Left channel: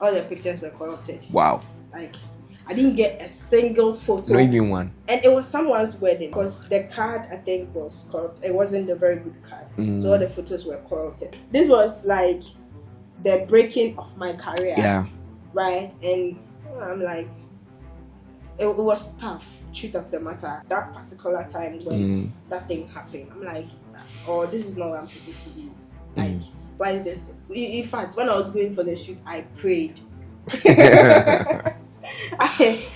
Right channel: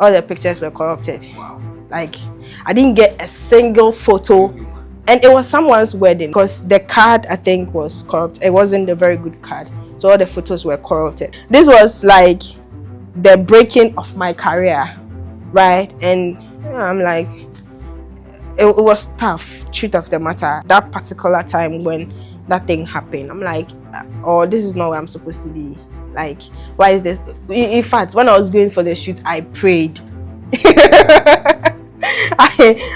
All the pictures were corrupted. Wow. Like, I didn't get a single photo. Really one. And it was someone's wedding because the card, I think, was corrupt. It wasn't a very good card. So all the photos were corrupted. This was like the breaking of my career. Yeah. Right? And I'm like, it was tough, truth of the matter. That particular time when that thing happened, I'm like, oh, this is not where I'm supposed to be. Like, why is this? In fact, when I was going for the shoot, I prayed.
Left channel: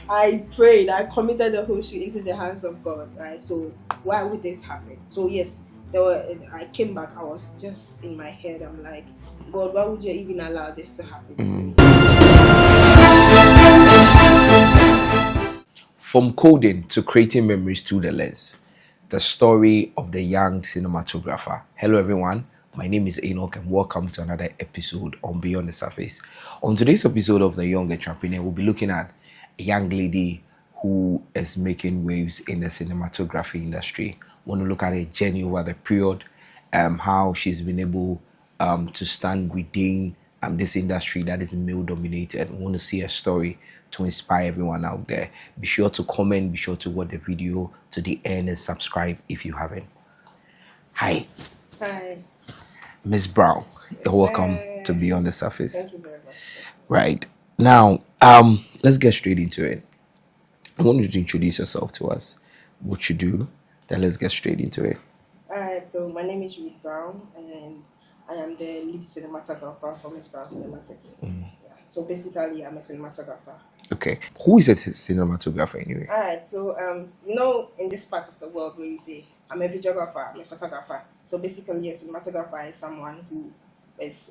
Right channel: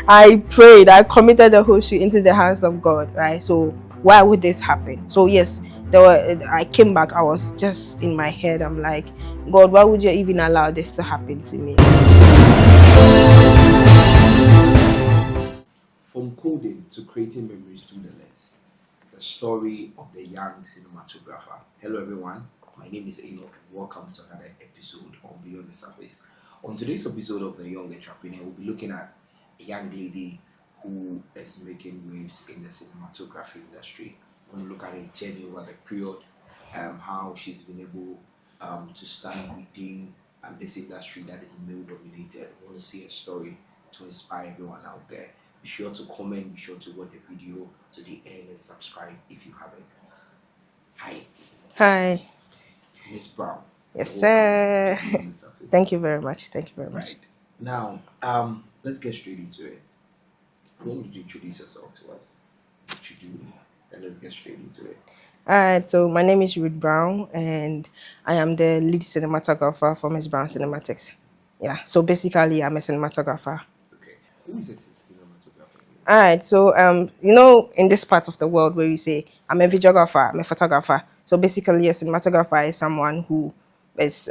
I prayed. I committed the whole shoot into the hands of God, right? So why would this happen? So yes, I came back. I was just in my head. I'm like, God, why would you even allow this to happen to me? From coding to creating memories through the lens, the story of the young cinematographer. Hello everyone, my name is Enoch and welcome to another episode on Beyond the Surface. On today's episode of The Young Entrepreneur, we'll be looking at a young lady who is making waves in the cinematography industry. We want to look at her journey over the period, how she's been able to stand within this industry that is male dominated. We want to see her story to inspire everyone out there. Be sure to comment, be sure to watch the video to the end and subscribe if you haven't. Hi. Hi. Miss Brown. Yes, welcome to Beyond the Surface. Thank you very much. Thank you very much. Right. Now, let's get straight into it. I want you to introduce yourself to us, what you do, then let's get straight into it. All right, so my name is Ruth Brown, and I am the lead cinematographer for Miss Brown Cinematics. Yeah, so basically, I'm a cinematographer. Okay. Who is a cinematographer anyway? All right, so, in this part of the world where we say, I'm a videographer, I'm a photographer. So basically, a cinematographer is someone who is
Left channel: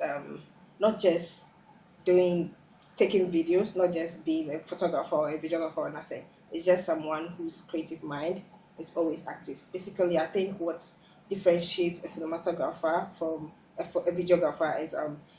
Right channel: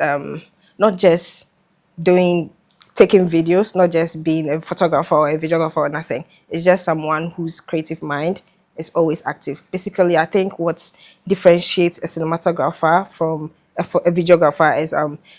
not just taking videos, not just being a photographer or a videographer or nothing. It's just someone whose creative mind is always active. Basically, I think what differentiates a cinematographer from a videographer is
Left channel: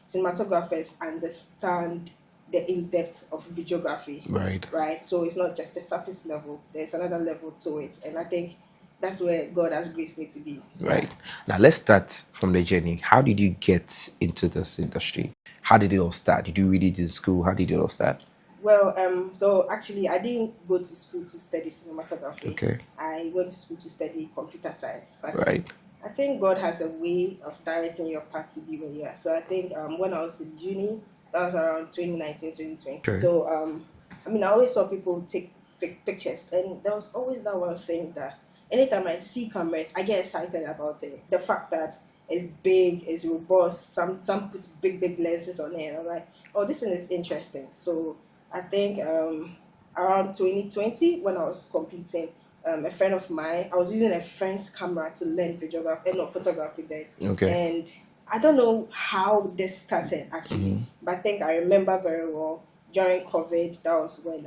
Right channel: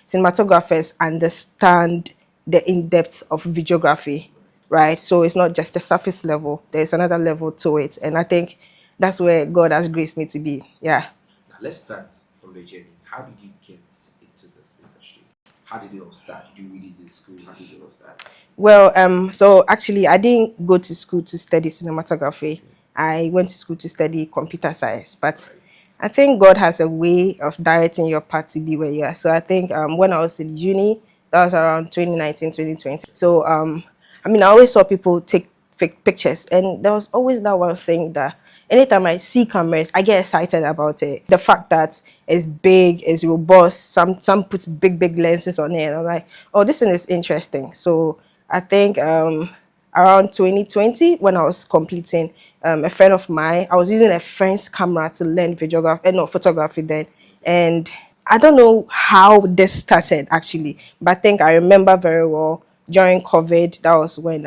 cinematographers understand the in-depth of videography. Right. So it's not just the surface level. There's another level to it. And I think that's where God has graced me to be. Yeah. Right. Now let's start from the journey. How did you get into this industry? How did it all start? Did you read it in school? How did it all start? Well, so actually, I didn't go to school to study cinematography. Okay. I went to school to study computer science. But Right. I think God has a way of directing your path to be where you are. So I think when I was in uni, that was around 2019, 2020. Okay. So, I always saw people take fake pictures. And there was always that one thing that anytime I see cameras, I get excited about it. The fact that it's big, it's robust, some puts big lenses on it. And I'm like, oh, this thing is interesting. So I think around 2020, when I was completing, a friend of mine, I was using a friend's camera to learn photography then. Okay. And I don't know how this started actually, but I think I remember very well during COVID, that was when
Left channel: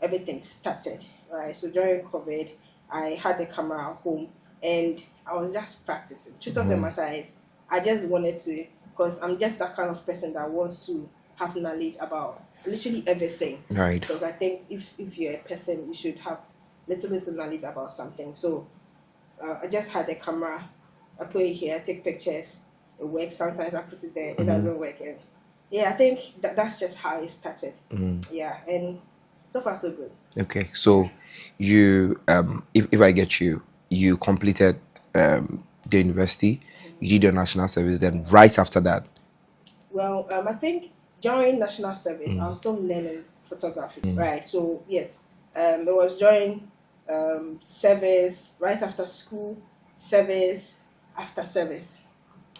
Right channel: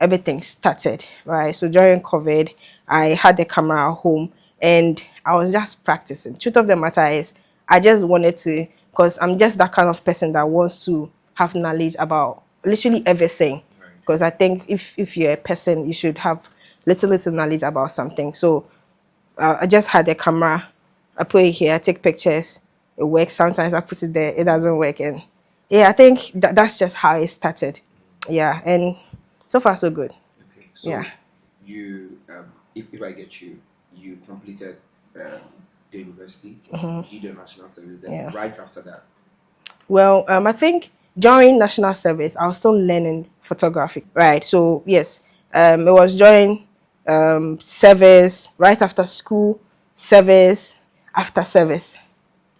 everything started, right? So during COVID, I had the camera at home and I was just practicing. Truth of the matter is, I just wanted to, because I'm just that kind of person that wants to have knowledge about literally everything. Right. Because I think if you're a person, you should have little knowledge about something. So I just had the camera, I put it here, I take pictures, it works. Sometimes I put it there, it doesn't work. And yeah, I think that's just how it started. Yeah, and so far so good. Okay, so you, if I get you, you completed the university, you did your national service, then right after that? Well, I think during national service, I was still learning photography, right? So yes, it was during service, right after school, service, after service.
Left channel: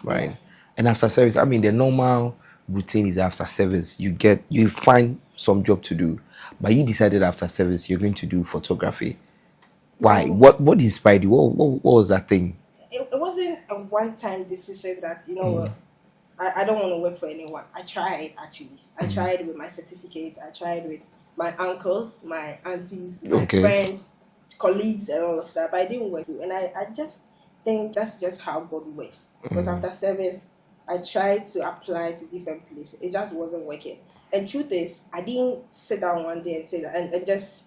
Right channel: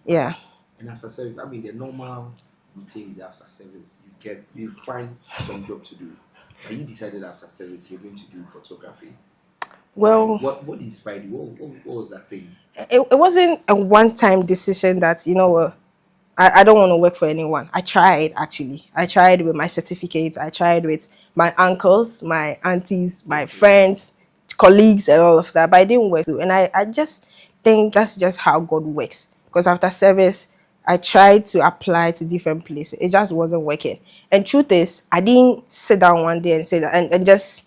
Right. Yeah. And after service, the normal routine is after service, you find some job to do. But you decided after service you're going to do photography. Why? What inspired you? What was that thing? It wasn't a one-time decision that, I don't want to work for anyone. I tried, actually. I tried with my certificates. I tried with my uncles, my aunties, my friends, colleagues, and all of that. But I didn't work. And I just think that's just how God works. Because after service, I tried to apply to different places. It just wasn't working. And truth is, I didn't sit down one day and say that and just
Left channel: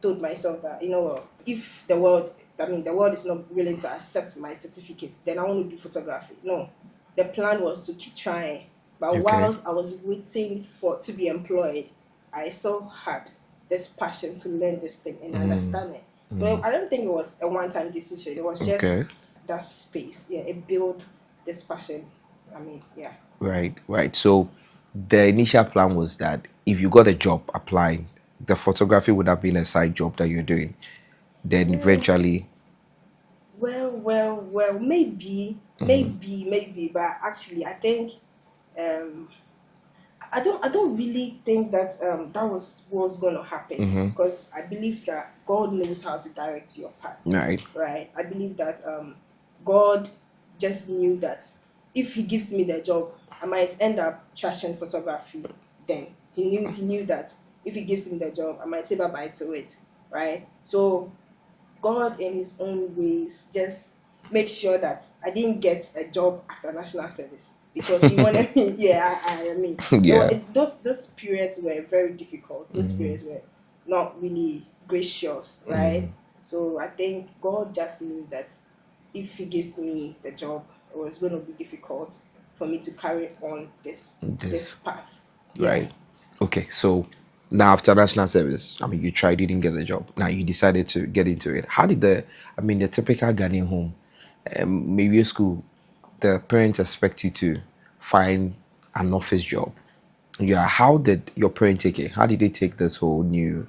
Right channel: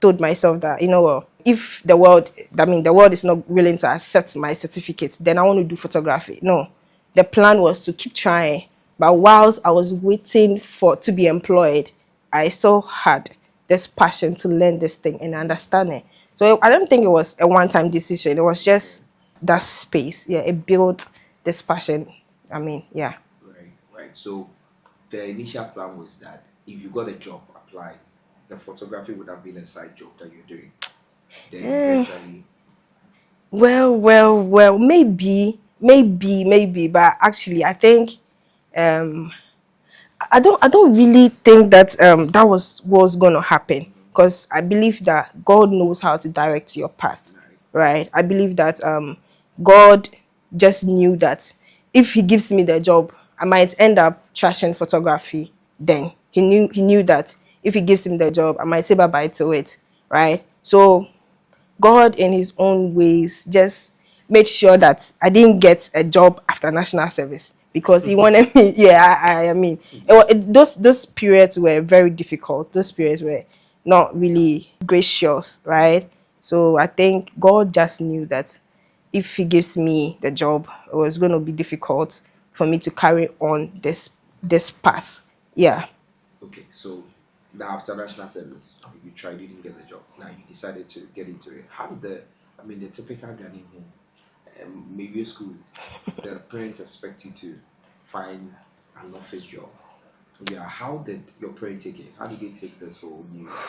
told myself that, if the world is not willing to accept my certificate, then I want to do photography. No. The plan was to keep trying But Okay. whilst I was waiting for to be employed, I still had this passion to learn this thing and understand it. So I don't think it was a one-time decision. It was just Okay. that space. Yeah, it built this passion. I mean, yeah. Right, right. So the initial plan was that if you got a job applying, the photography would have been a side job that you're doing. Then Eh, eventually, well. Maybe. But actually, I think um, I don't really think that that was going to happen, because I believe that God knows how to direct your path, right. right? I believe that God just knew that if he gives me the job, I might end up trashing photography. Then he knew that if he gives me the job, I might say bye bye to it, right? So God, in his own ways, just made sure that I didn't get a job after national service, because he wanted me. Yeah, I mean, Yeah. those periods were very difficult. Those periods were not really gracious, right? So I think God just knew that if he gives me the job, it was going to be difficult for me to carry on this This path. Yeah. right. Okay. So now after national service, I mean, you tried, you didn't get the job. Now you decided to get into it. How did the typical Ghanaian home, maybe a school, the parents expect you to find an office job. Yeah. How did your parents take it? How did they take this whole new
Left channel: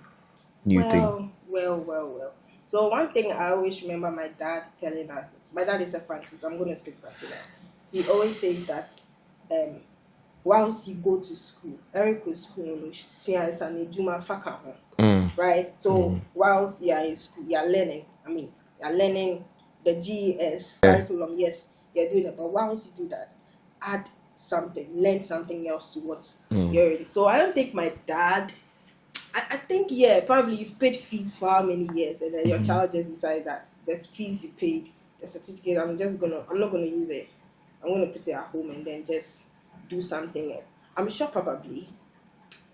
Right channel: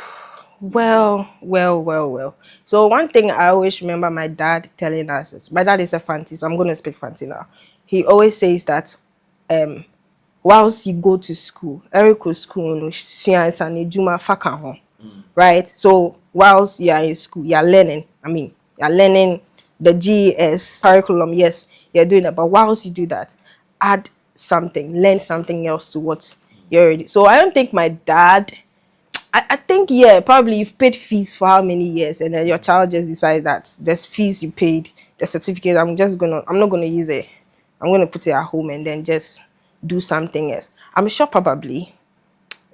thing? Well. So one thing I always remember my dad telling us is, my dad is a Fanti, so I'm going to speak Fanti now. He always says that um, whilst you go to school, Eric school, no, science and Juma faka ho, right? So whilst you are in school, you are learning. I mean, you are learning the GES curriculum. Yes, you're doing that. But whilst you do that, add something, learn something else to what you're already. So I don't think my dad, I think, yeah, probably you've paid fees for how many years, and then your child just decides that there's fees you paid, the certificate, I'm not gonna use it. I'm gonna put it at home and then just do something else. I'm sure probably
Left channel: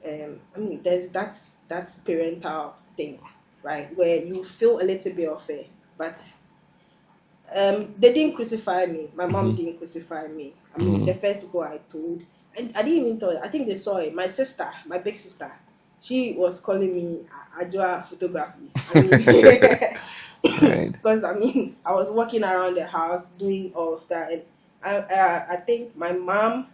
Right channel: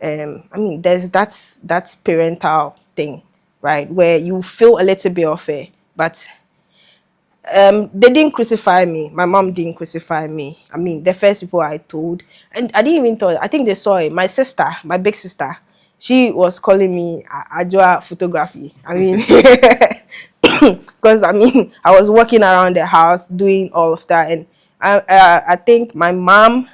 I mean there's that's parental thing, right? Where you feel a little bit of it, but they didn't crucify me. My mom didn't crucify me. I mean, the first people I told, and I didn't even tell. I think they saw it. My sister, my big sister, she was calling me Ajua photography. I mean, Right. because I mean, I was walking around the house doing all of that, and I think my mom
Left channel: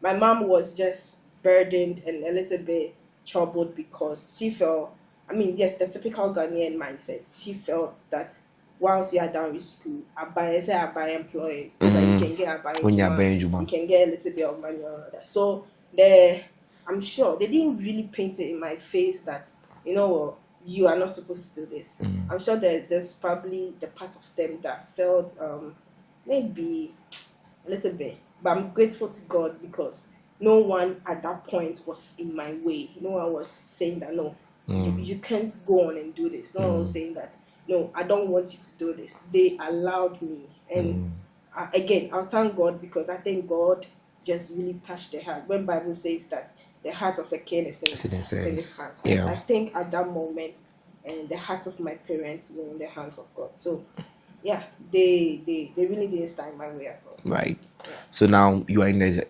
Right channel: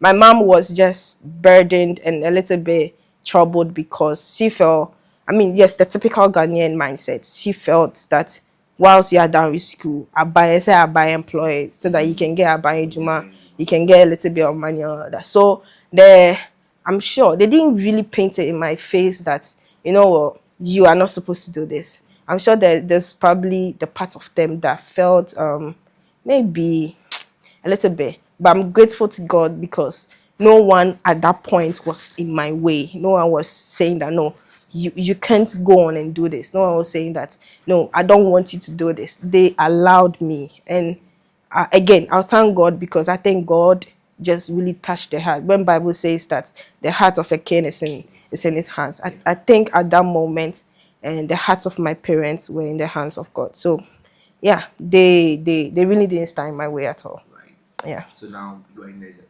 was just burdened and a little bit troubled, because she felt, I mean, yes, the typical Ghanaian mindset. She felt that whilst you are done with school, I buy employed so that you can get a buying When you're juma, you Benjuma. can get a little bit of money and all that. So the I'm sure they didn't really paint it in my face that, what, you are not supposed to do this. I'm sure that there's probably the part of them that felt maybe a little bit. But I'm grateful to God, because no one at that point was in my way. No one was saying that, no, you can't go on and do this. No one was saying that, no, I don't want you to do this. They allowed me. And again, I'll thank God, because I think God just really touched the heart. When Bible says that the heart of a king is in his hands, I Yeah. think at that moment, and the hearts of my parents were in the hands of God. So yeah, they really didn't stand in my way at all. Right. Yeah. So now you are in the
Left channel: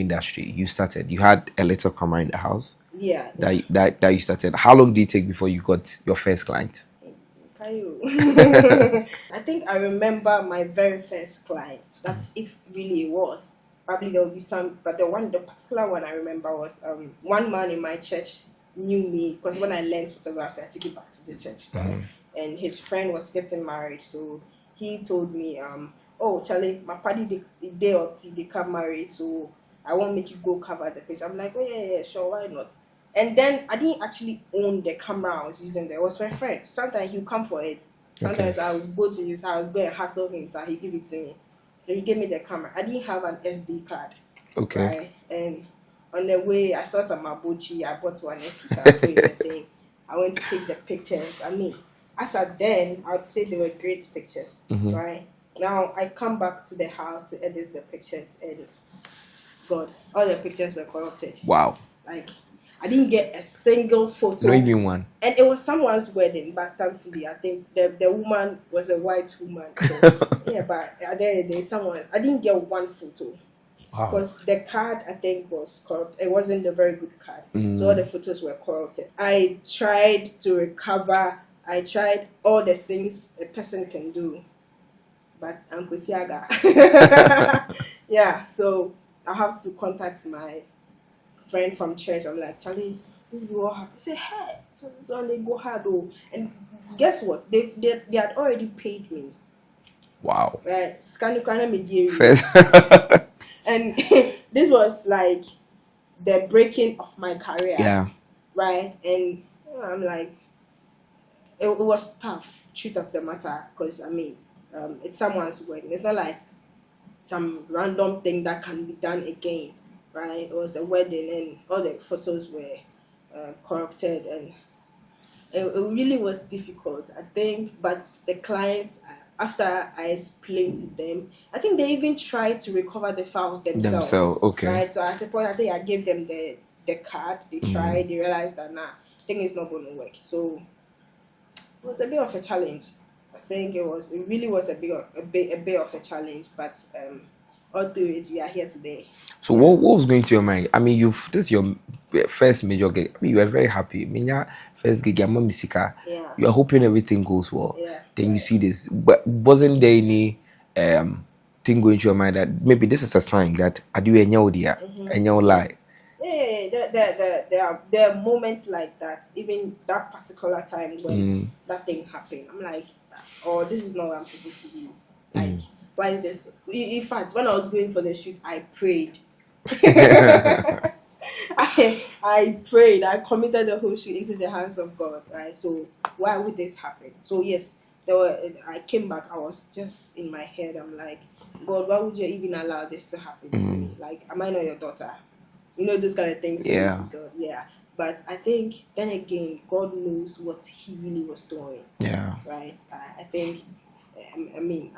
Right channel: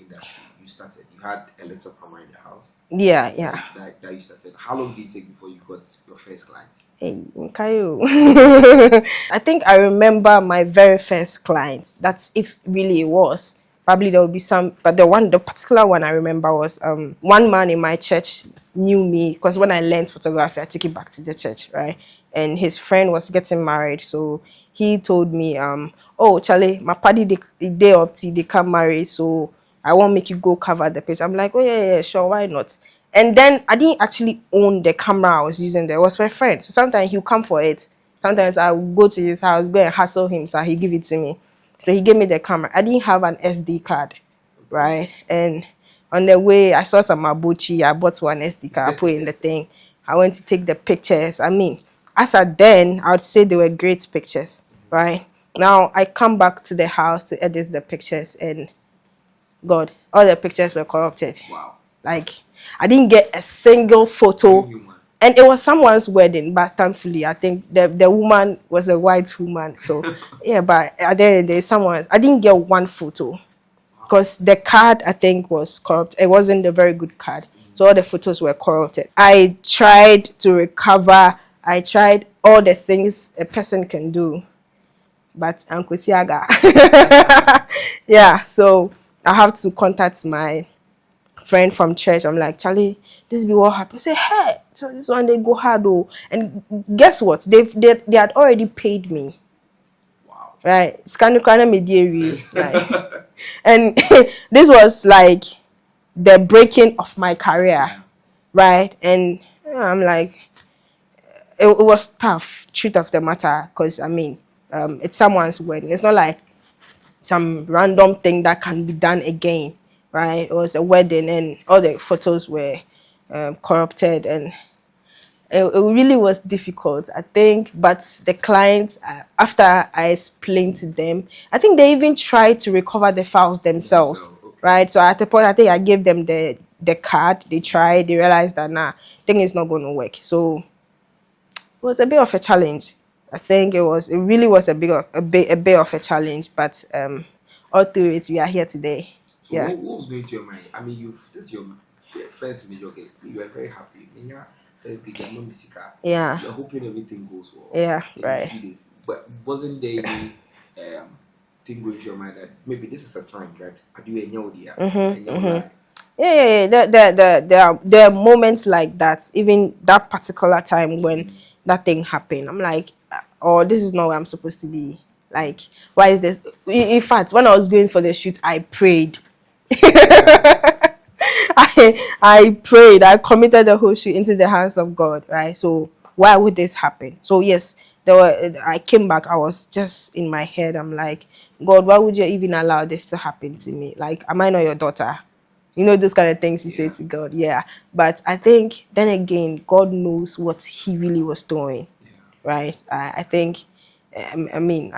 industry. You started. You had a little camera in the house Yeah. that you started. How long did it take before you got your first client? Hey, Nkayo. I think I remember my very first client. That's if really it was. Probably there will be some, but the particular one I remember was one man in my church knew me, because when I learned photography, I took it back to the church, right? And his friend was getting married, so he told me, oh Charlie, my party the day of tea they come marry, so I won't make you go cover the page. I'm like, oh yeah, sure, why not? And then I didn't actually own the camera I was using there. It was my friend. So sometimes he'll come for it. Okay. Sometimes I will go to his house, go and hassle him, so he give it to me. So he gave me the camera. I didn't have an SD card, Okay. right? And on the way, I saw some Mabuchi. I bought one SD card, put in the thing. I went to take the pictures. I mean, as at then, I would say they were great pictures, right? Now I come back to the house to edit the pictures, and God, all the pictures were corrupted. Wow. Like, I didn't get a single Not photo. even one. And it was someone's wedding, but thankfully, I think the woman was a white woman. So, yeah, but at the end of the day, I didn't get one photo. Wow. because the card I think was corrupt. It wasn't a very good card, so all the photos were corrupted. I tried to recover. I tried all the things a person can do, but Uncle Siaga. Yeah, so I have to contact my friend from church. I'm like, Charlie, this be what happened. I say, hey, so this one they go hard though. And guess what? They had already paid me. Wow. Right. Scannicrana media. First. Right. And this was like the breaking of my career. Yeah. Right. And I'm like, it was tough, truth of the matter, because I mean, it's someone's wedding. It's not like some random thing that can be done again, right? It was a wedding, and all the photos were corrupted, and it really was difficult, I think. But the clients, after I explained to them, I think they even tried to recover the files themselves, Themselves. Okay. right? So at the point, I think I gave them the card. They tried. They realized that thing is not going to work. So it was a bit of a challenge. I think it was. It really was a bit of a challenge. But all through it, we are here today. So what was going to your mind? I mean, this is your first major gig. I mean, you were very happy. I mean, yeah, first gig, your mom Misika. Yeah. You're hoping everything goes well. Yeah. Then Right. you see this. But wasn't there any thing going to your mind that maybe this is a sign that I do a nyaodia and you lie? Yeah. There are moments like that. Even that particular time when that thing happened, I'm like, oh, this is not where I'm supposed to be. Like, why is this? In fact, when I was going for the shoot, I prayed. I prayed. I committed the whole shoot into the hands of God. Right. So why would this happen? So yes, I came back. I was just in my head. I'm like, God, why would you even allow this to happen to me? Like, am I not your daughter? You know, those kind of things you say to God. Yeah. But I think then again, God knows what he really was doing. Yeah. Right. I think, I mean,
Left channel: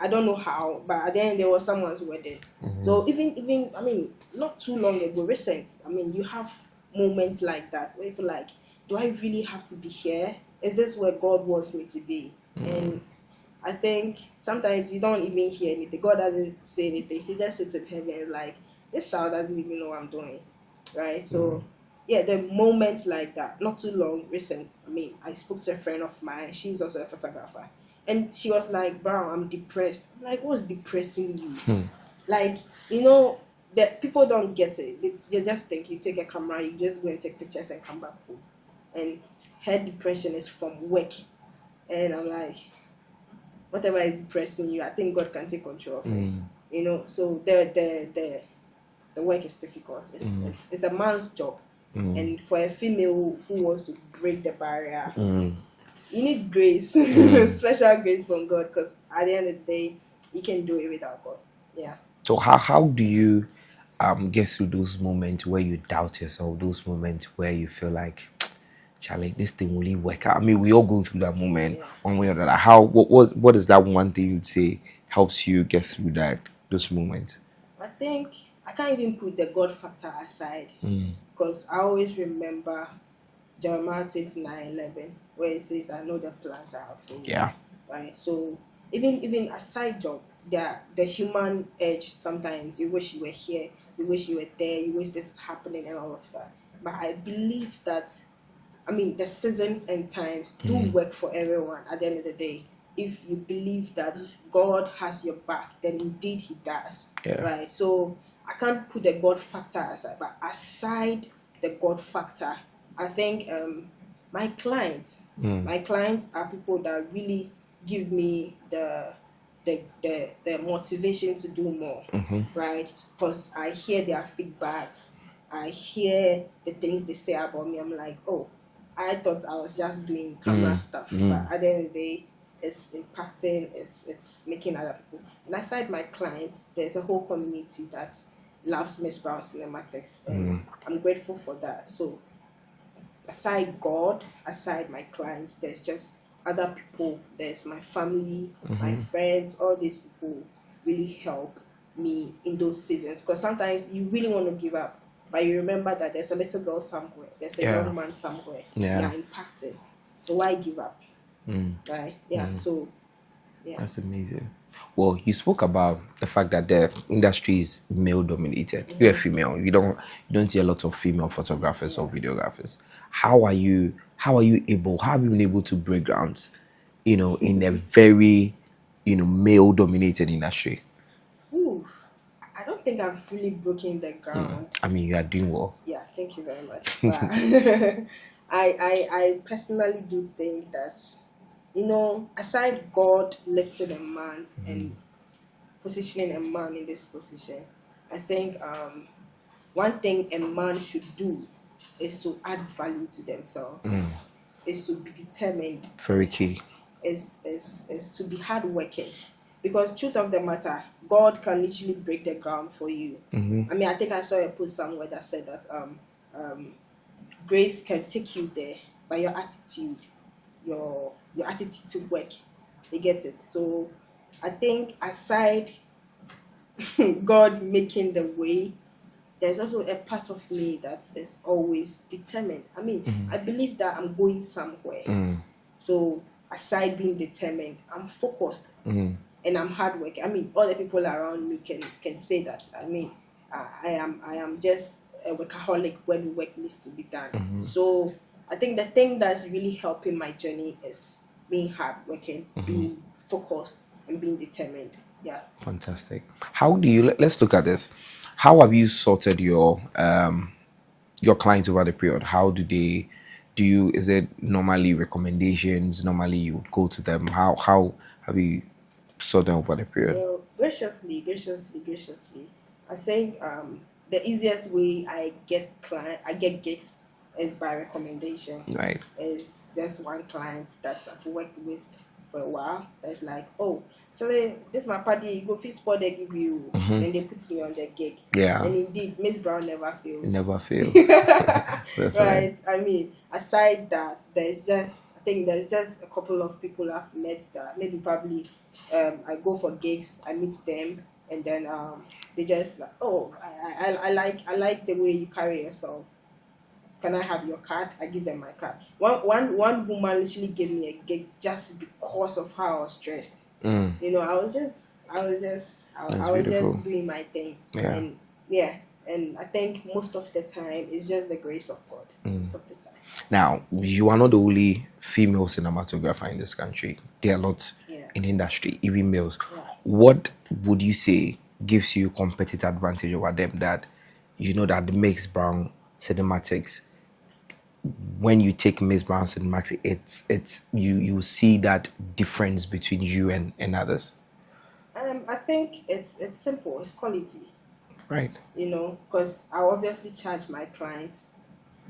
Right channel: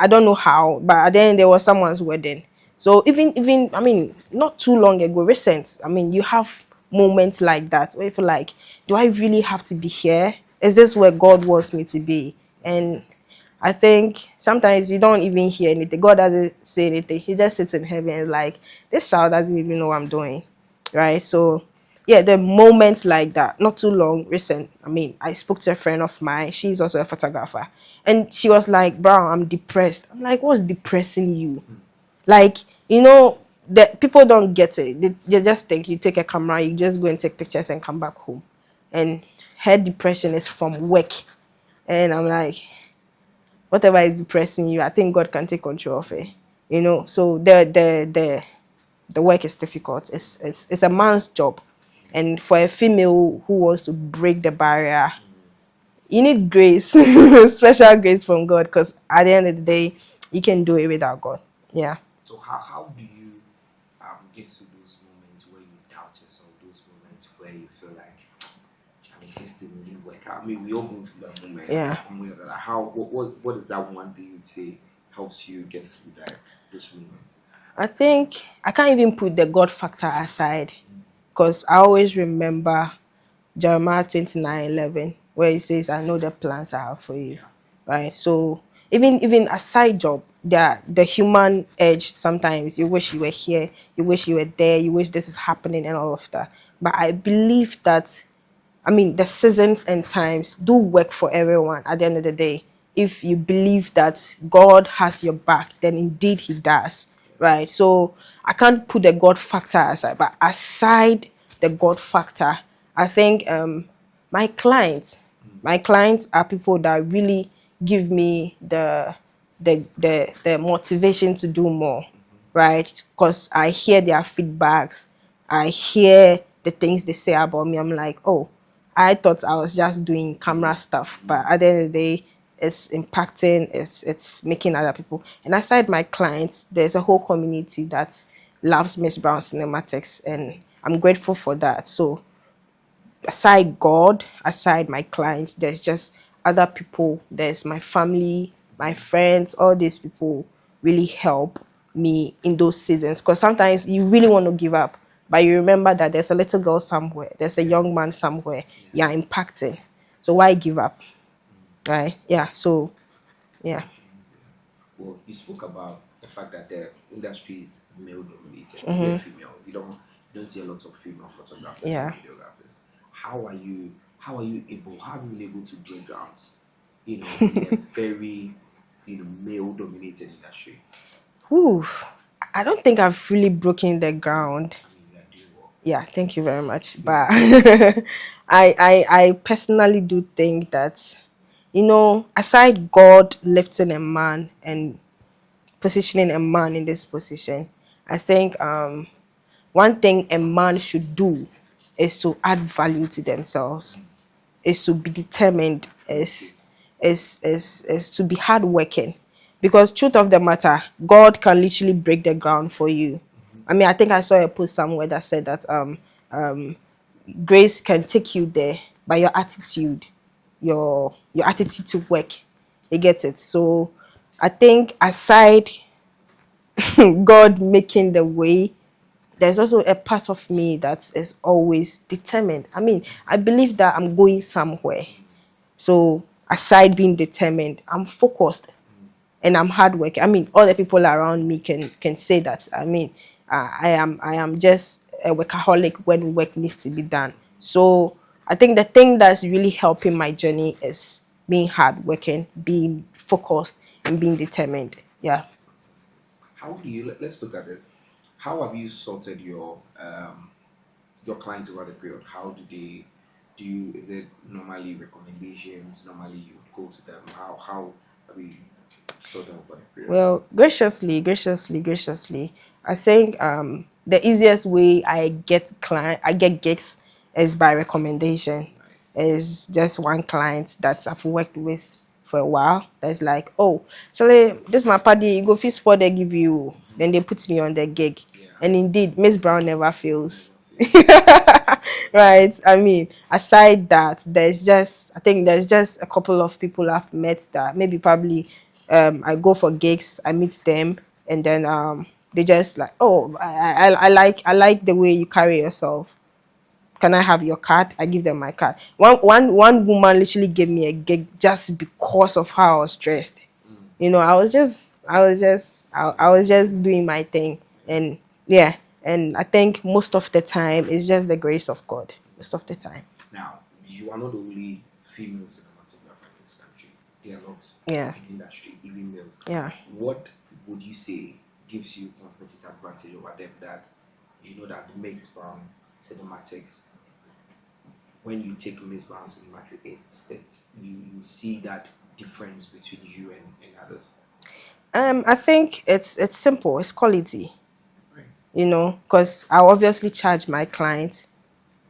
I don't know how, but then there was someone's wedding. So even, I mean, not too long ago, recent, I mean, you have moments like that where you feel like, do I really have to be here? Is this where God wants me to be? And I think sometimes you don't even hear anything. God doesn't say anything. He just sits in heaven and is like, this child doesn't even know what I'm doing. Right? So, yeah, the moments like that, not too long, recent. I mean, I spoke to a friend of mine. She's also a photographer. And she was like, bro, I'm depressed. I'm like, what's depressing you? Like, you know, that people don't get it. They just think you take a camera, you just go and take pictures and come back home. And her depression is from work. And I'm like, whatever is depressing you, I think God can take control of it. You know, so the work is difficult. It's a man's job. And for a female who wants to break the barrier, you need grace, special grace from God, because at the end of the day, you can do it without God. Yeah. So how do you get through those moments where you doubt yourself, those moments where you feel like, Charlie, this thing will really work out? I mean, we all go through that moment one way or another. What is that one thing you'd say helps you get through those moments? I think I can't even put the God factor aside, because I always remember Jeremiah 29:11, where it says, I know the plans I have for you. Yeah. Right. So even a side job, the human edge, sometimes you wish you were here, you wish you were there, you wish this is happening and all of that. But I believe that, I mean, the seasons and times do work for everyone at the end of the day. If you believe that God has your back, then indeed he does. Yeah. Right. So I can't put the God factor aside, but aside the God factor, I think my clients are people that really give me the motivation to do more, right? Because I hear their feedbacks, I hear the things they say about me. I'm like, oh, I thought I was just doing camera stuff, but at the end of the day, it's impacting, it's making other people. And aside my clients, there's a whole community that loves Miss Brown Cinematics, and I'm grateful for that. So aside God, aside my clients, there's just other people. There's my family, my friends. All these people really help me in those seasons, because sometimes you really want to give up, but you remember that there's a little girl somewhere, there's a young man somewhere you're impacting. So why give up? Right? Yeah. So yeah. That's amazing. Well, you spoke about the fact that the industry is male dominated. You're a female. You don't see a lot of female photographers or Yeah. videographers. How have you been able to break grounds, in a very, male dominated industry? Whew. I don't think I've really broken the ground. I mean, you are doing well. Yeah, thank you very much. But I personally do think that, aside God lifting a man and positioning a man in this position, I think one thing a man should do is to add value to themselves, is to be determined, Very key. is to be hardworking. Because truth of the matter, God can literally break the ground for you. I mean, I think I saw a post somewhere that said that grace can take you there by your attitude, your attitude to work. You get it? So I think aside God making the way, there's also a part of me that is always determined. I mean, I believe that I'm going somewhere. So aside being determined, I'm focused and I'm hardworking. I mean, all the people around me can say that. I mean, I am just a workaholic when work needs to be done. So I think the thing that's really helping my journey is being hardworking, being focused, and being determined. Yeah. Fantastic. How do you? Let's look at this. How have you sorted your clients over the period? How do they? Do you? Is it normally recommendations? Normally you would go to them. How have you sorted over the period? Well, graciously, I think the easiest way I get gigs is by recommendation. Right. Is just one client that I've worked with for a while. That's like, oh, so this my party, you go fit spot they give you, then they put me on the gig. Yeah. And indeed, Miss Brown never fails. Never fails. That's Right. I mean, aside that, I think there's just a couple of people I've met that maybe probably I go for gigs, I meet them, and then they just like, oh, I like the way you carry yourself. Can I have your card? I give them my card. One woman literally gave me a gig just because of how I was dressed. I was just I was beautiful. just doing my thing. Yeah. And yeah. And I think most of the time it's just the grace of God. Most of the time. Now, you are not the only female cinematographer in this country. There are lots Yeah. in the industry, even males. Yeah. What would you say gives you competitive advantage over them that that makes Brown Cinematics, when you take Miss Brown Cinematics, it's you see that difference between you and others? I think it's simple. It's quality. Right. Because I obviously charge my clients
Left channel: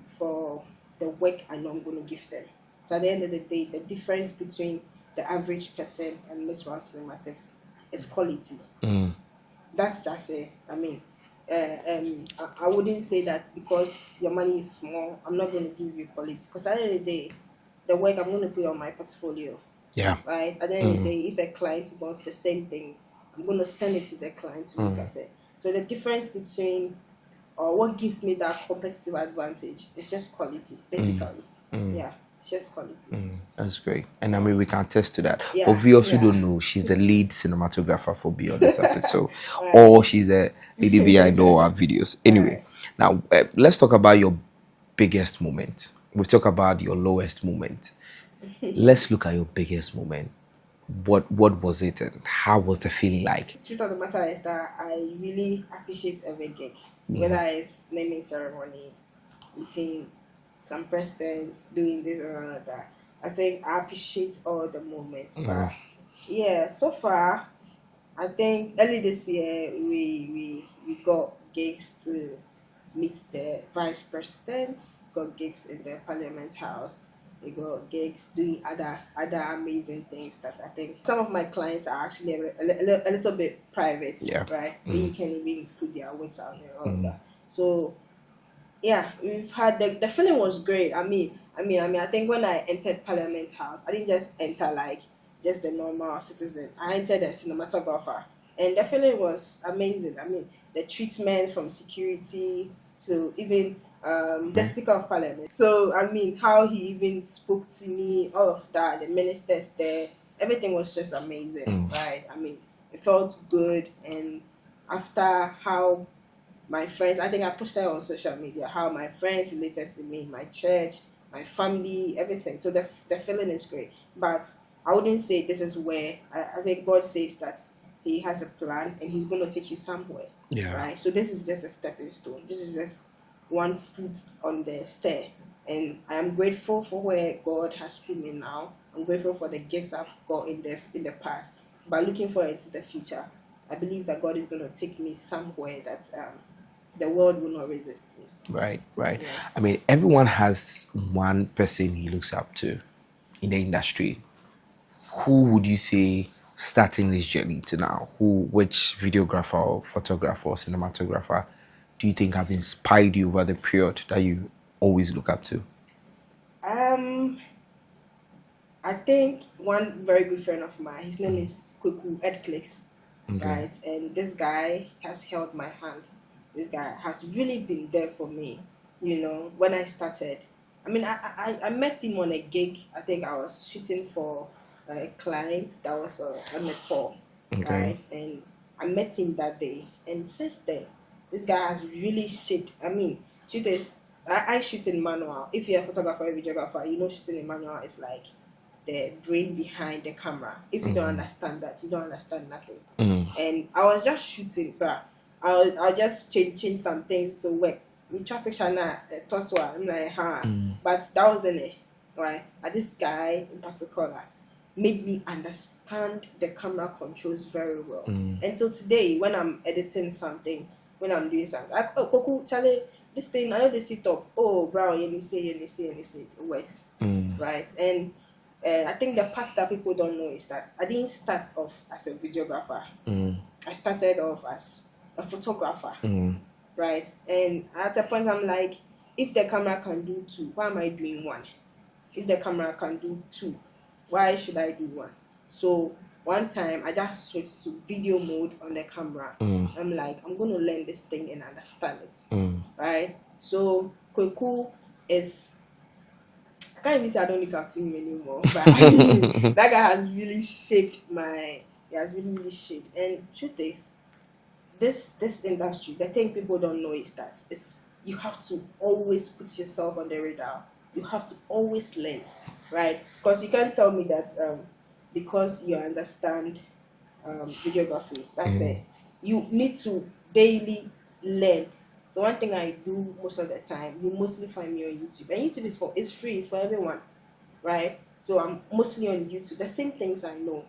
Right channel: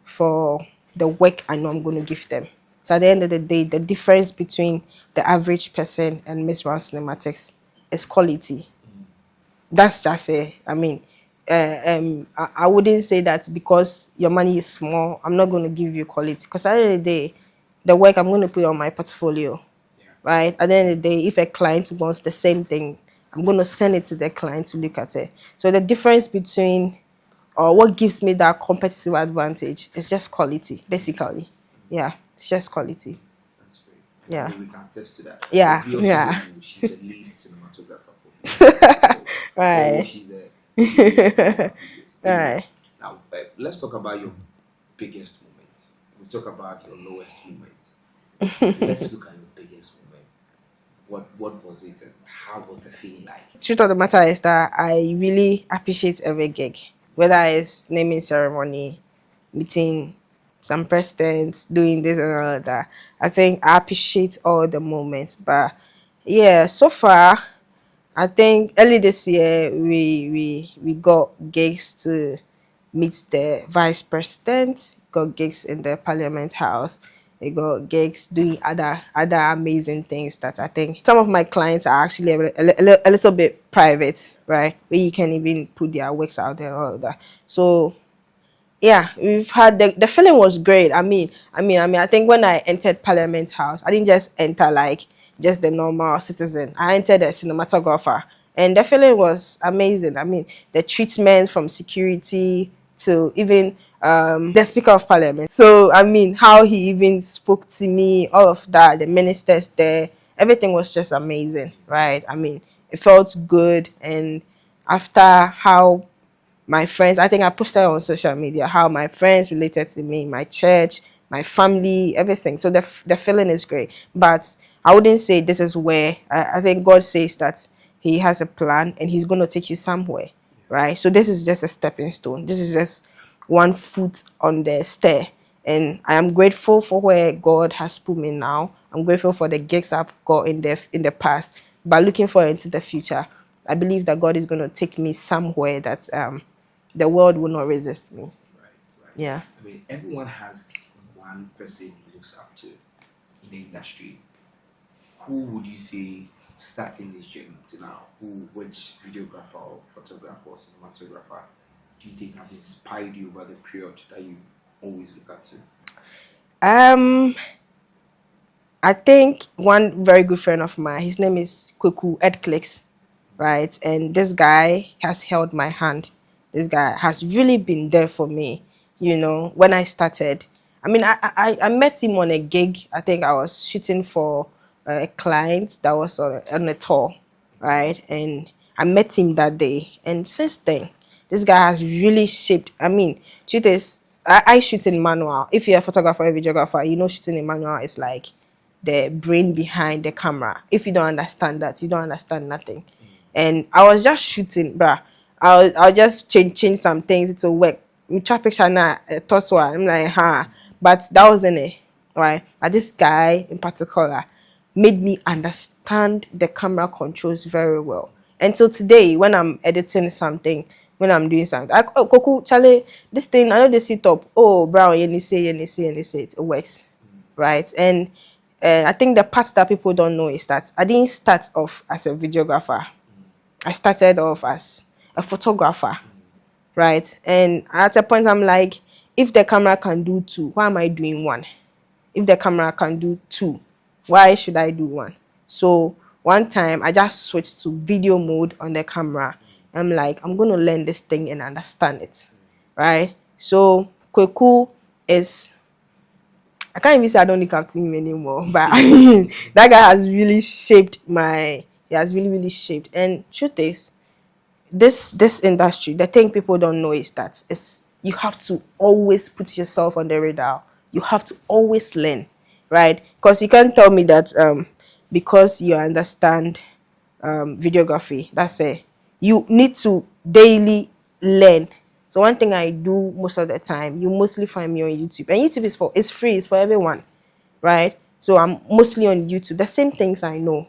for the work I know I'm going to give them. So at the end of the day, the difference between the average person and Miss Brown Cinematics is quality. That's just it. I mean, I wouldn't say that because your money is small, I'm not going to give you quality. Because at the end of the day, the work I'm going to put on my portfolio. Yeah. Right. At the end of the day, if a client wants the same thing, I'm going to send it to the client to look at it. So the difference between, or what gives me that competitive advantage is just quality, basically. Yeah, it's just quality. That's great. And Yeah. I mean, we can attest to that. Yeah, But we also yeah. don't know, she's the lead cinematographer for Beyond the Surface. So, Right. or she's a lady behind all our videos. Anyway, Right. now let's talk about your biggest moment. We've talked about your lowest moment. Let's look at your biggest moment. What was it and how was the feeling like? Truth of the matter is that I really appreciate every gig, whether it's naming ceremony, meeting some presidents, doing this and all of that. I think I appreciate all the moments. But yeah, so far, I think early this year we got gigs to meet the vice president, got gigs in the Parliament House. We got gigs doing other amazing things that I think some of my clients are actually a little bit private, Yeah. right? Where you can even put their works out there and all of that. So yeah, we've had the feeling was great. I think when I entered Parliament House, I didn't just enter like just the normal citizen. I entered as cinematographer, and the feeling was amazing. I mean, the treatment from security to even the Speaker of Parliament. So I mean, how he even spoke to me, all of that, the ministers there, everything was just amazing, right? I mean, it felt good. And after how my friends, I think I posted on social media how my friends related to me, my church, my family, everything. So the feeling is great. But I wouldn't say this is where I think God says that He has a plan and He's going to take you somewhere, Yeah. right? So this is just a stepping stone. This is just one foot on the stair. And I am grateful for where God has put me now. I'm grateful for the gigs I've got in the past. But looking forward into the future, I believe that God is going to take me somewhere that the world will not resist me. Right, right. Yeah. I mean, everyone has one person he looks up to in the industry. Who would you say starting this journey to now? Which videographer or photographer or cinematographer do you think have inspired you over the period that you always look up to? Um, I think one very good friend of mine, his name is Kweku Ed Clicks, right? And this guy has held my hand. This guy has really been there for me, when I started. I mean, I met him on a gig. I think I was shooting for a client that was on a tour, right? And I met him that day. And since then, this guy has really shaped. I mean, truth is, I shoot in manual. If you're a photographer or a videographer, shooting in manual is like the brain behind the camera. If you don't understand that, you don't understand nothing. And I was just shooting, bruh. I'll just change some things to work. We try picture now, toss one. I'm like, but that wasn't it, right? But this guy in particular made me understand the camera controls very well. And so today, when I'm editing something, when I'm doing something, Koku, Charlie, this thing, I know they sit up. Oh, brown, you say, it works, right? And I think the part that people don't know is that I didn't start off as a videographer. I started off as a photographer, right? And at a point, I'm like, if the camera can do two, why am I doing one? If the camera can do two, why should I do one? So one time I just switched to video mode on the camera. I'm like, I'm going to learn this thing and understand it, right? So Kweku is, I can't even say I don't look up to him anymore, but I mean, that guy has really shaped he has really, really shaped. And truth is, this industry, the thing people don't know is that you have to always put yourself on the radar. You have to always learn, right? Because you can't tell me that because you understand videography, that's it. You need to daily learn. So one thing I do most of the time, you mostly find me on YouTube, and YouTube is free, it's for everyone, right? So I'm mostly on YouTube. The same things I know,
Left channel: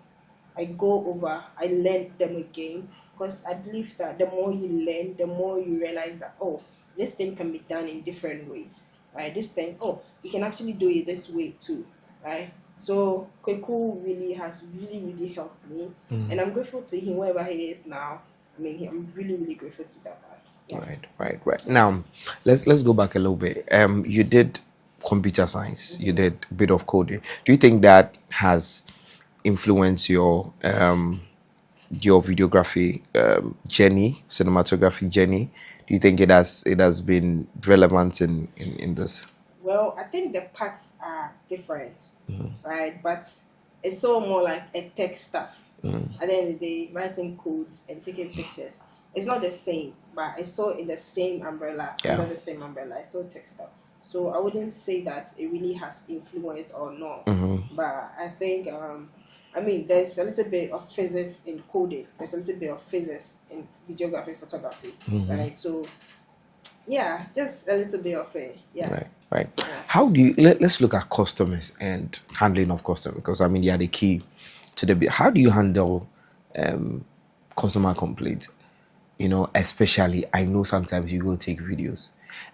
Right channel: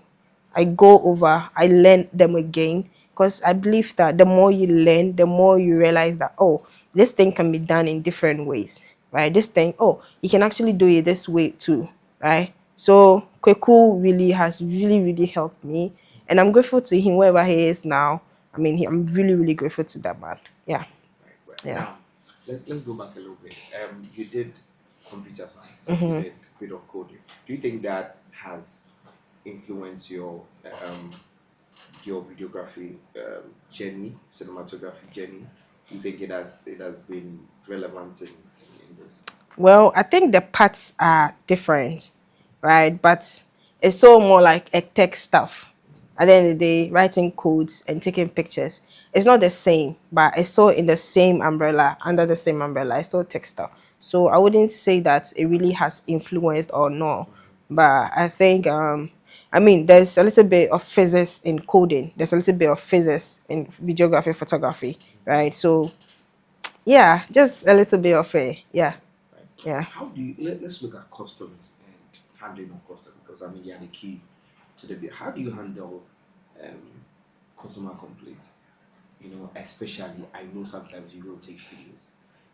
I go over, I learn them again, because I believe that the more you learn, the more you realize that, oh, this thing can be done in different ways, right? This thing, oh, you can actually do it this way too, right? So Kweku really has really, really helped me, and I'm grateful to him wherever he is now. I mean, I'm really, really grateful to that man. Yeah. Right. Now, let's go back a little bit. You did computer science. You did a bit of coding. Do you think that has influenced your videography journey, cinematography journey? Do you think it has been relevant in this? Well, I think the parts are different, right? But it's so more like a tech stuff. At the end of the day, writing codes and taking pictures, it's not the same, but it's still in the same umbrella, under the same umbrella. It's still tech stuff. So I wouldn't say that it really has influenced or no, but I think I mean, there's a little bit of physics in coding. There's a little bit of physics in videography, photography, right? So yeah, just a little bit of a Right. yeah. How do you let's look at customers and handling of customers, because I mean they are the key to how do you handle customer complaints? Especially I know sometimes you go take videos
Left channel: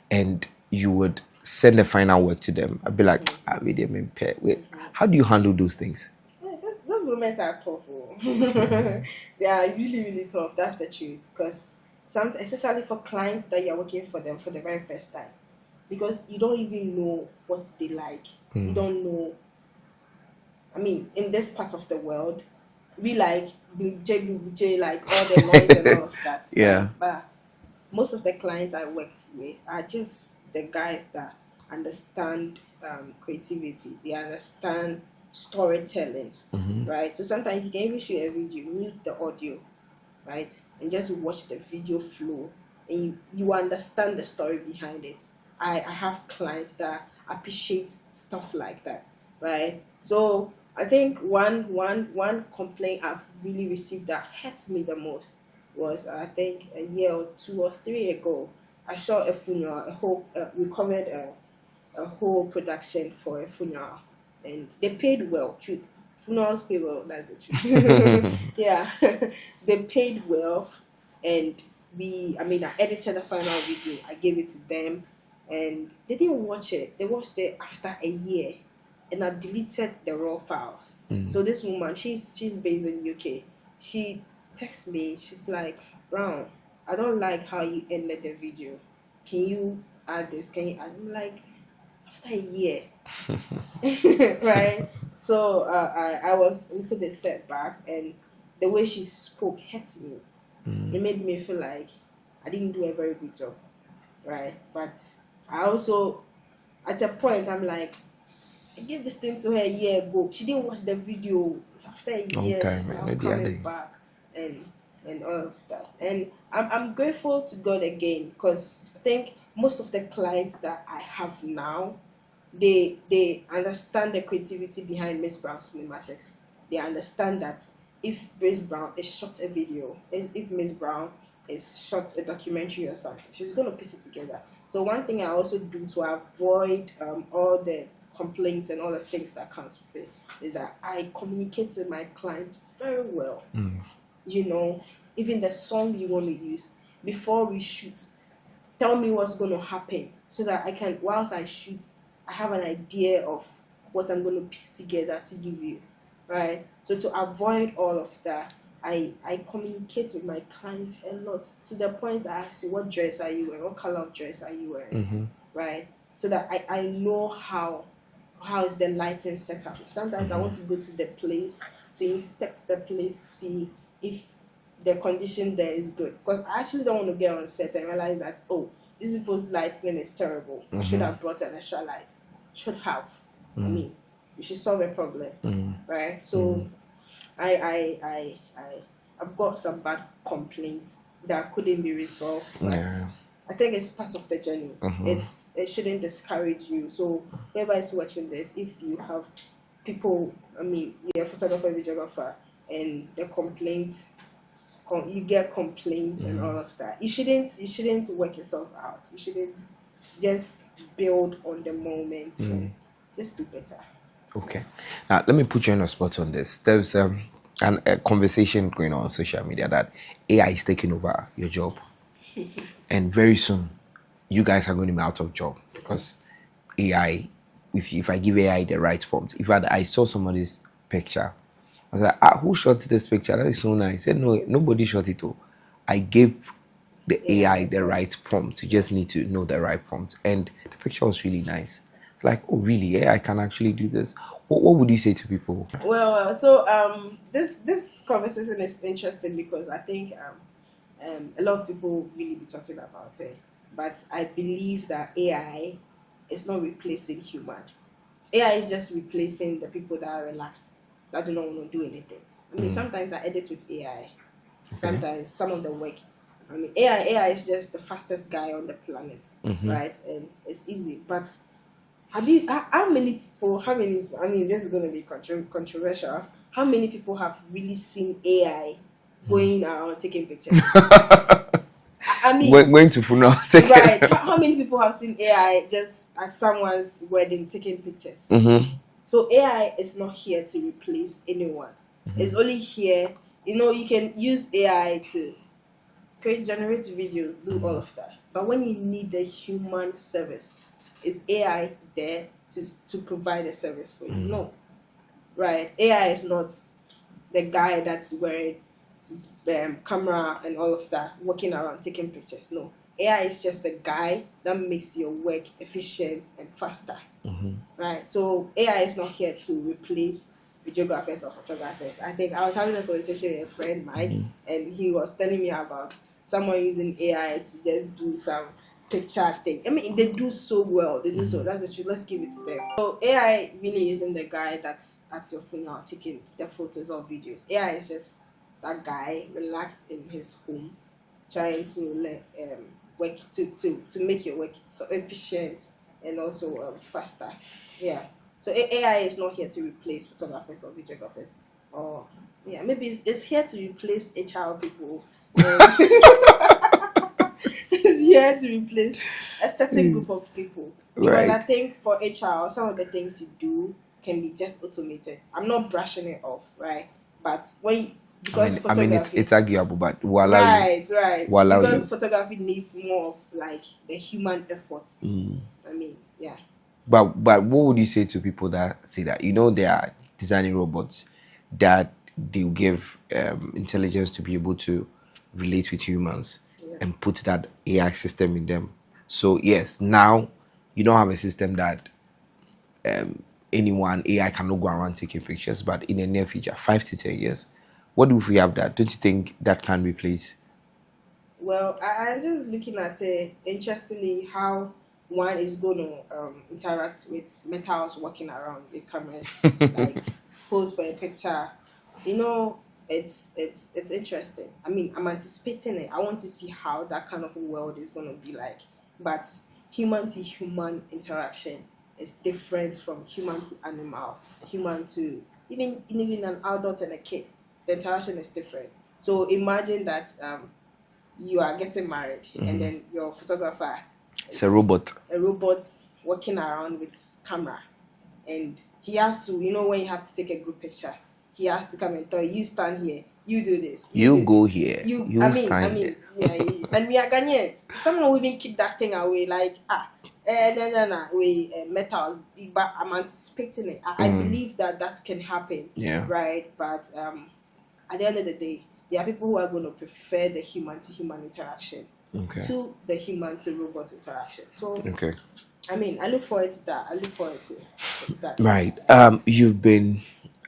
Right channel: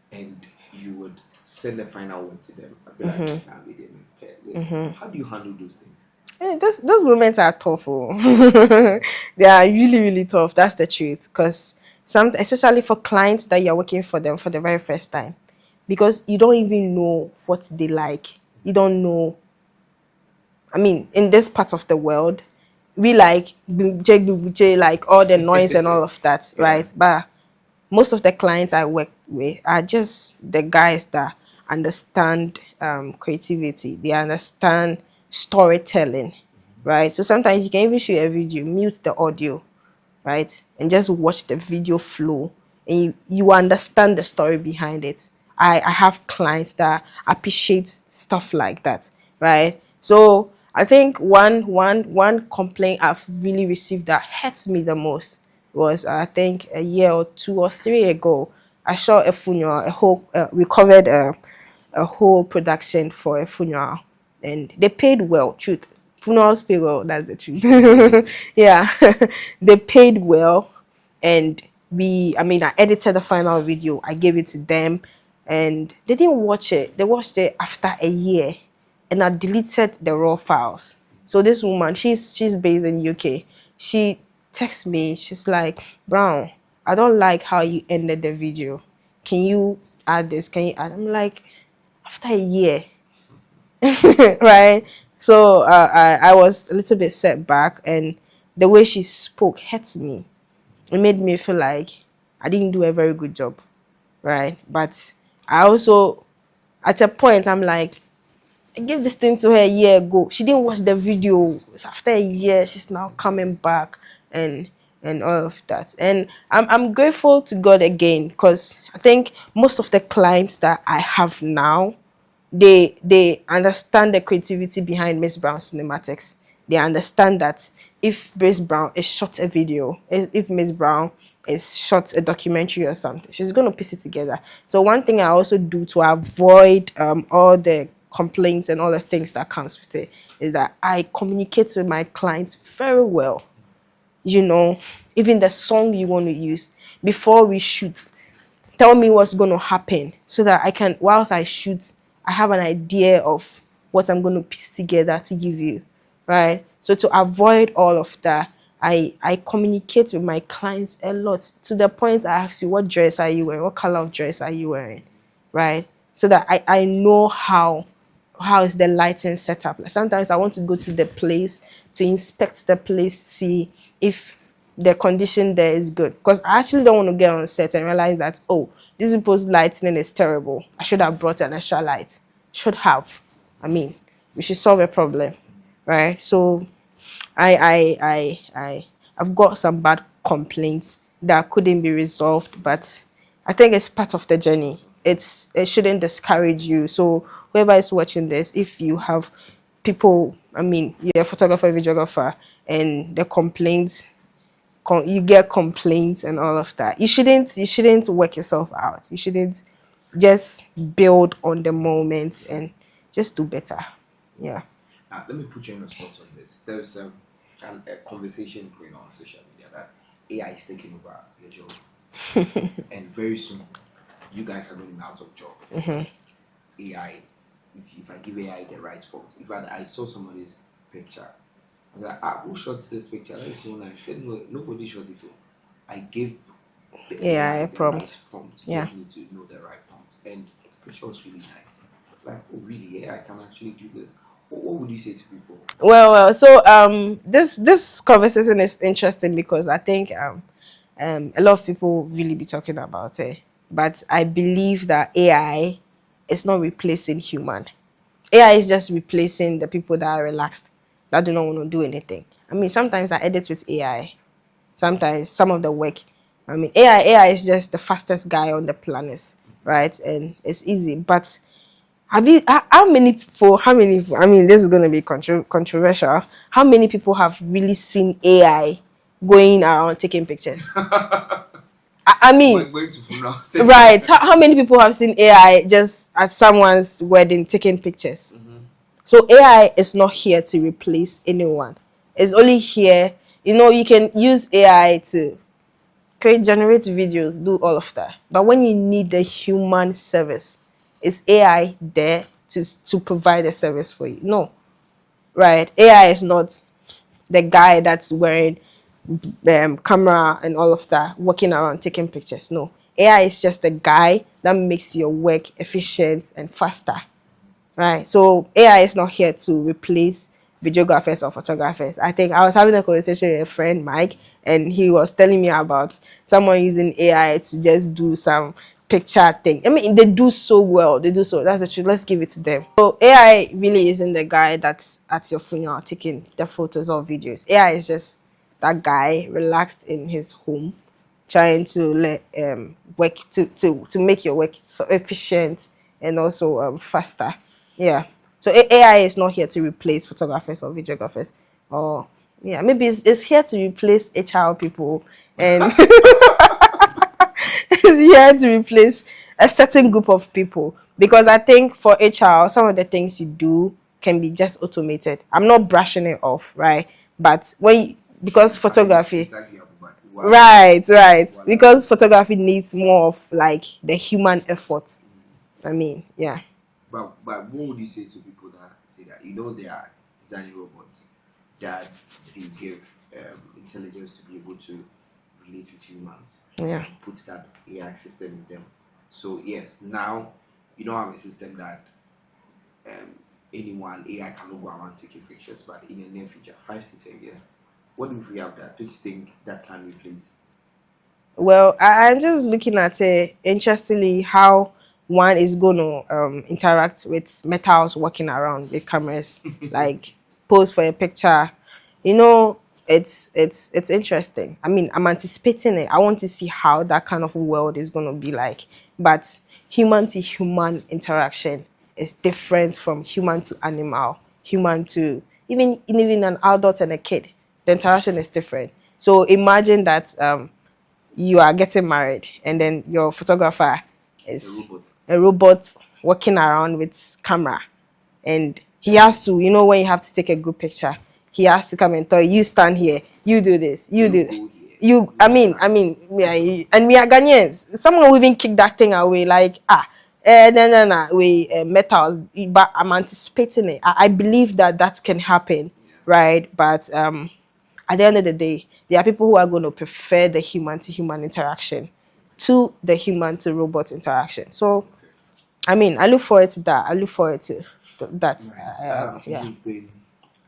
and you would send the final work to them. I'd be like, I made them impair. How do you handle those things? Those moments are tough. Oh. They are really, really tough. That's the truth. Because especially for clients that you're working for them for the very first time, because you don't even know what they like. You don't know. I mean, in this part of the world, we like like all the noise and all of that, Yeah. right? But most of the clients I work with are just the guys that understand creativity. They understand storytelling, right? So sometimes you can even shoot a video, mute the audio, right, and just watch the video flow, and you understand the story behind it. I have clients that appreciate stuff like that, right? So I think one complaint I've really received that hurts me the most was, I think, a year or 2 or 3 ago. I shot a funeral, a whole recovered a whole production for a funeral, and they paid well. Truth, funerals pay well. That's the truth. Yeah, they paid well, and I edited the final video. I gave it to them, and they didn't watch it. They watched it after a year, and I deleted the raw files. So this woman, she's based in UK. She texts me. She's like, "Brown, I don't like how you ended the video. Can you add this? Can you add?" I'm like, after a year, right? So I was a little bit set back, and the way she spoke hurt me. It made me feel like I didn't do a very good job, right? But I also, at a point, I'm like, I gave this thing to her a year ago. She didn't watch the video. It's after a Long year, time, she's I now know the coming other. back, and all of that. And I'm grateful to God again, because I think most of the clients that I have now, they understand the creativity behind Miss Brown cinematics. They understand that if Miss Brown is shot a video, if Miss Brown is shot a documentary or something, she's going to piece it together. So one thing I also do to avoid all the complaints and all the things that comes with it is that I communicate with my clients very well. You know, even the song you want to use before we shoot, tell me what's going to happen, so that I can, whilst I shoot, I have an idea of what I'm going to piece together to give you, right? So to avoid all of that, I communicate with my clients a lot, to the point I ask you, what dress are you wearing? What color of dress are you wearing? Right? So that I know how is the lighting set up. Like sometimes I want to go to the place to inspect the place, see if the condition there is good. Because I actually don't want to get on set and realize that, oh, this people's lighting is terrible. I should have brought an extra light. Should have. I mean, we should solve a problem, right? So I've got some bad complaints that couldn't be resolved, but Yeah. I think it's part of the journey. It shouldn't discourage you. So whoever is watching this, if you have people, I mean, you're a photographer, videographer, and the complaints, you get complaints and all of that. You shouldn't work yourself out. You shouldn't, just build on the moment and just do better. Okay. Yeah. Now, let me put you on a spot on this. There's a conversation going on social media that AI is taking over your job. And very soon, you guys are going to be out of job because AI, if I give AI the right prompt, I saw somebody's picture, I was like, who shot this picture? That is so nice. He said, no, nobody shot it. Oh. I gave the AI AI the prompt. right prompt. You Yeah. just need to know the right prompt. And the picture was really nice. It's like, oh, really? AI can actually do this. What would you say to people? Well. So this conversation is interesting because I think a lot of people really be talking about it, but I believe that AI is not replacing human. AI is just replacing the people that are relaxed, that do not want to do anything. I mean, sometimes I edit with AI. Sometimes some of the work, I mean, AI is just the fastest guy on the planet, right? And it's easy. But how many people, I mean, this is going to be controversial. How many people have really seen AI going around taking pictures? I mean, Going to funerals. right. How many people have seen AI just at someone's wedding taking pictures? So AI is not here to replace anyone. It's only here, you can use AI to generate videos, do all of that. But when you need the human service, is AI there to provide a service for you? No. Right? AI is not the guy that's wearing camera and all of that, walking around taking pictures. No. AI is just the guy that makes your work efficient and faster. Right? So AI is not here to replace videographers or photographers. I think I was having a conversation with a friend, Mike, and he was telling me about someone using AI to just do some picture thing. I mean, they do so well. They do so. That's the truth. Let's give it to them. So AI really isn't the guy that's at your funeral taking the photos or videos. AI is just that guy relaxed in his home, trying to let work to make your work so efficient and also faster. Yeah. So AI is not here to replace photographers or videographers, or yeah, maybe it's here to replace HR people and is here to replace a certain group of people, because I Right. think for HR some of the things you do can be just automated. I'm not brushing it off, right? But because It's photography, arguable, but right, we'll allow because you. photography needs more of like the human effort. I mean, yeah. But what would you say to people that say that they are designing robots that they give intelligence to be able to relate with humans Yeah. and put that AI system in them? So yes, now you don't have a system that anyone AI cannot go around taking pictures, but in the near future, 5 to 10 years, what if we have that? Don't you think that can replace? Well, I'm just looking at interestingly how one is going to interact with metals walking around with cameras, like pose for a picture. You know, it's interesting. I mean, I'm anticipating it. I want to see how that kind of world is going to be like. But human to human interaction is different from human to animal, human to even an adult and a kid. The interaction is different. So imagine that you are getting married and then your photographer It's a is robot. a robot walking around with camera, and he has to, when you have to take a good picture, he has to come and tell you, stand here, you do this, you You do go here. you I You mean I stand here. mean yeah, and we are Ghanaians. Someone will even kick that thing away like no, we metals, but I'm anticipating it. I believe that that can happen, Yeah. right? But at the end of the day, there are people who are going to prefer the human to human interaction Okay. to the human to robot interaction. So, Okay. I mean, I look forward to that. I look forward to that. Right. Yeah. You've been,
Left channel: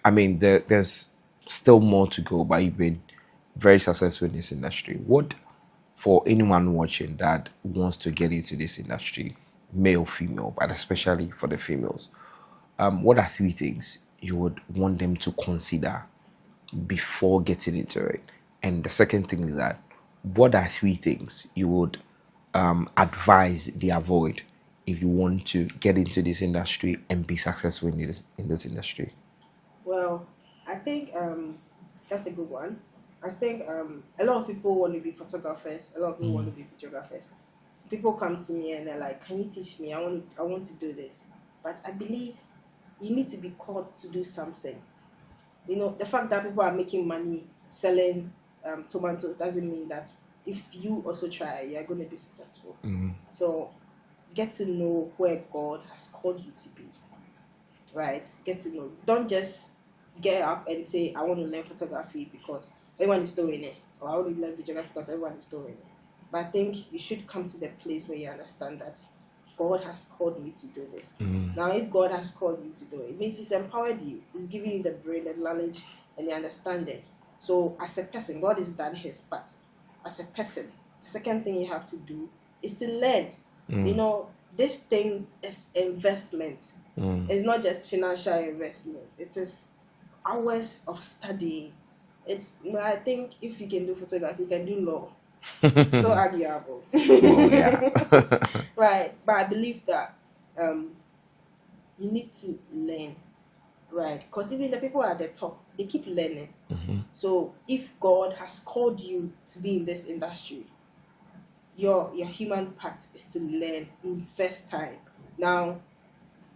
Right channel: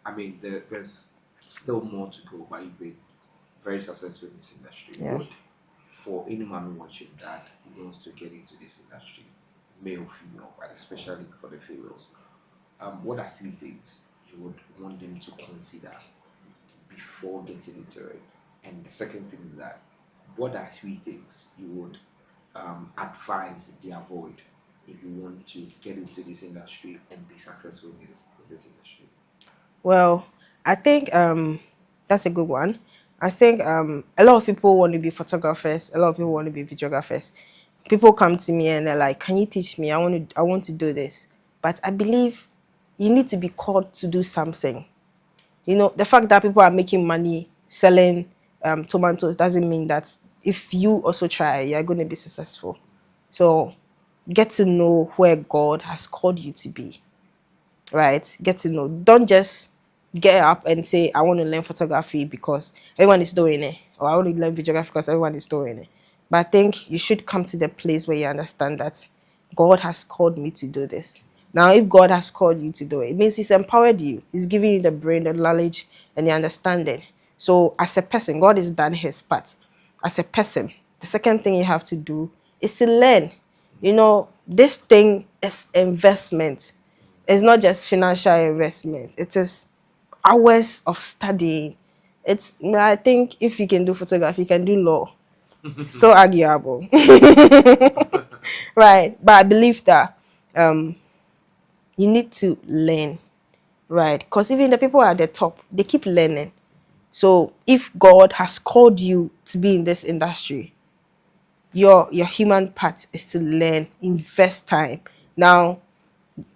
I mean, there's still more to go, but you've been very successful in this industry. Yeah. What, for anyone watching that wants to get into this industry, male, female, but especially for the females, what are 3 things you would want them to consider before getting into it? And the second thing is that, what are 3 things you would advise they avoid if you want to get into this industry and be successful in this industry? Well, I think that's a good one. I think a lot of people want to be photographers. A lot of people want to be videographers. People come to me and they're like, "Can you teach me? I want to do this." But I believe you need to be called to do something. The fact that people are making money selling tomatoes doesn't mean that if you also try, you're going to be successful. So get to know where God has called you to be, right? Get to know. Don't just get up and say, I want to learn photography because everyone is doing it, or I want to learn videography because everyone is doing it. But I think you should come to the place where you understand that God has called me to do this. Now, if God has called you to do it, it means He's empowered you. He's giving you the brain, the knowledge, and the understanding. So, as a person, God has done His part. As a person, the second thing you have to do is to learn. This thing is investment. It's not just financial investment. It is hours of studying. I think if you can do photography, you can do law. Still arguable. Yeah. Right. But I believe that you need to learn, right? Because even the people at the top, they keep learning. So if God has called you to be in this industry, your human part is to learn, invest time. Now,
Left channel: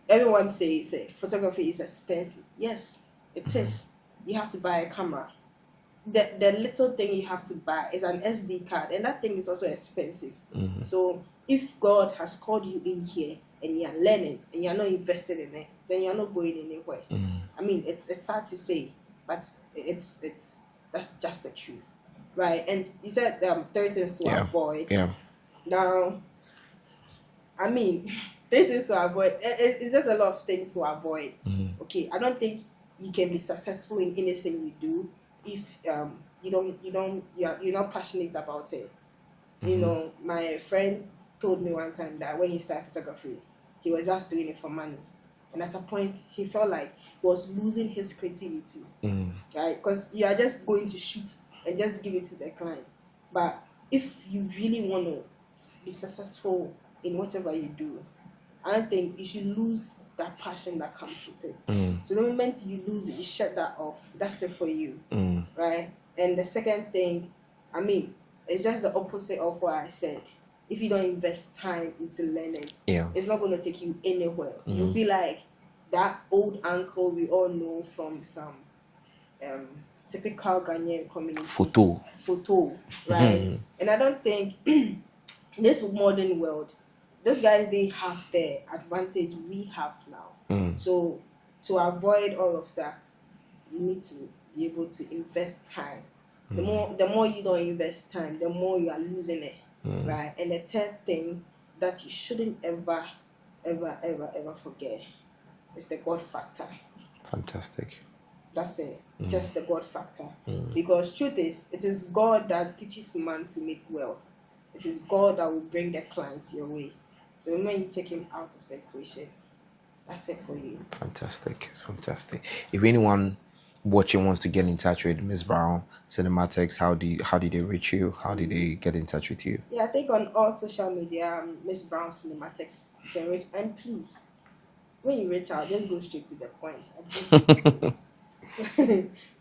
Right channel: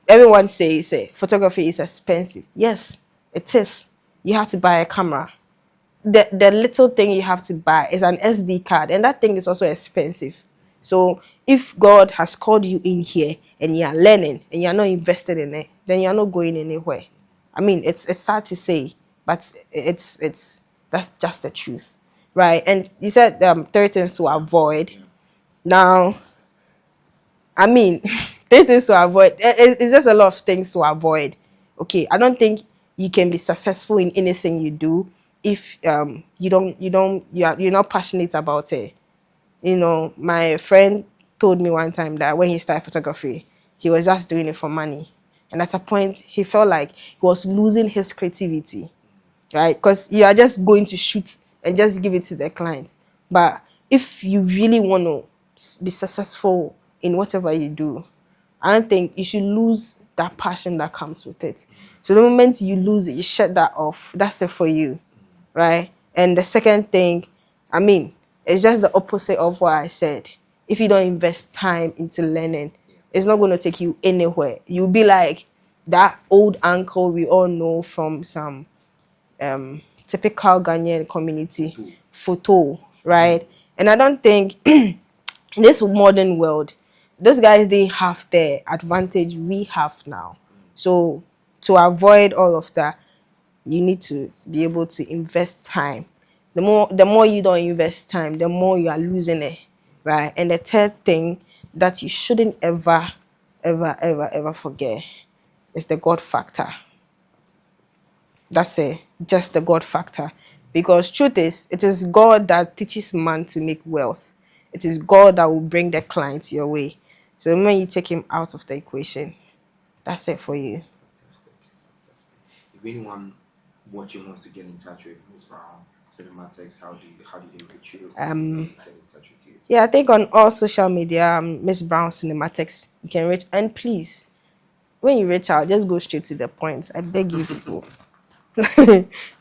everyone says photography is expensive. Yes, it is. You have to buy a camera. The little thing you have to buy is an SD card, and that thing is also expensive. So if God has called you in here and you are learning and you are not invested in it, then you are not going anywhere. I mean, it's sad to say, but it's that's just the truth, right? And you said 13 to Yeah. avoid. Yeah. Now, I mean, there's things to avoid. It's just a lot of things to avoid. Okay, I don't think you can be successful in anything you do if you're not passionate about it. My friend told me one time that when he started photography, he was just doing it for money. And at a point, he felt like he was losing his creativity, right? Because you are just going to shoot and just give it to the client. But if you really want to be successful in whatever you do, I don't think you should lose that passion that comes with it. So the moment you lose it, you shut that off. That's it for you, right? And the second thing, I mean, it's just the opposite of what I said. If you don't invest time into learning, Yeah. it's not going to take you anywhere. You'll be like that old uncle we all know from some typical Ghanaian community. Photo, right? And I don't think in this modern world, those guys, they have the advantage we have now. So to avoid all of that, you need to be able to invest time. The more you don't invest time, the more you are losing it, right? And the third thing that you shouldn't ever, ever, ever, ever forget is the God factor. Fantastic. That's it. Just the God factor. Because truth is, it is God that teaches man to make wealth. It is God that will bring the clients your way. So when you take him out of the equation, that's it for you. Fantastic. If anyone watching wants to get in touch with Miss Brown Cinematics, how did they reach you? How did they get in touch with you? Yeah, I think on all social media, Miss Brown Cinematics, you can reach. And please, when you reach out, just go straight to the point. I beg you people.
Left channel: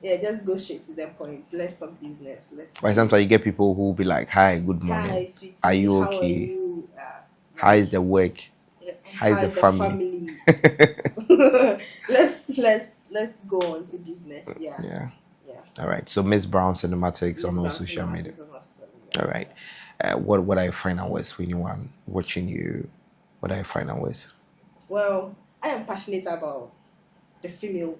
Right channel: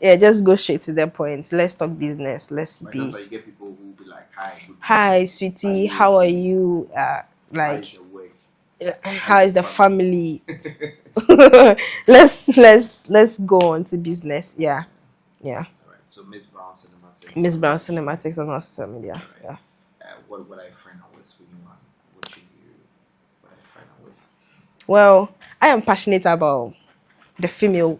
Yeah, just go straight to the point. Let's talk business. By sometimes you get people who will be like, "Hi, good morning. Hi, sweetie. Are you How are okay? you? How is the work? How is the family? Let's go on to business. Yeah. All right. So Miss Brown Cinematics Miss on all Brown social media. Cinematics on all social media. All right. Yeah. What are your final words for anyone watching you? What are your final words? Well, I am passionate about the female.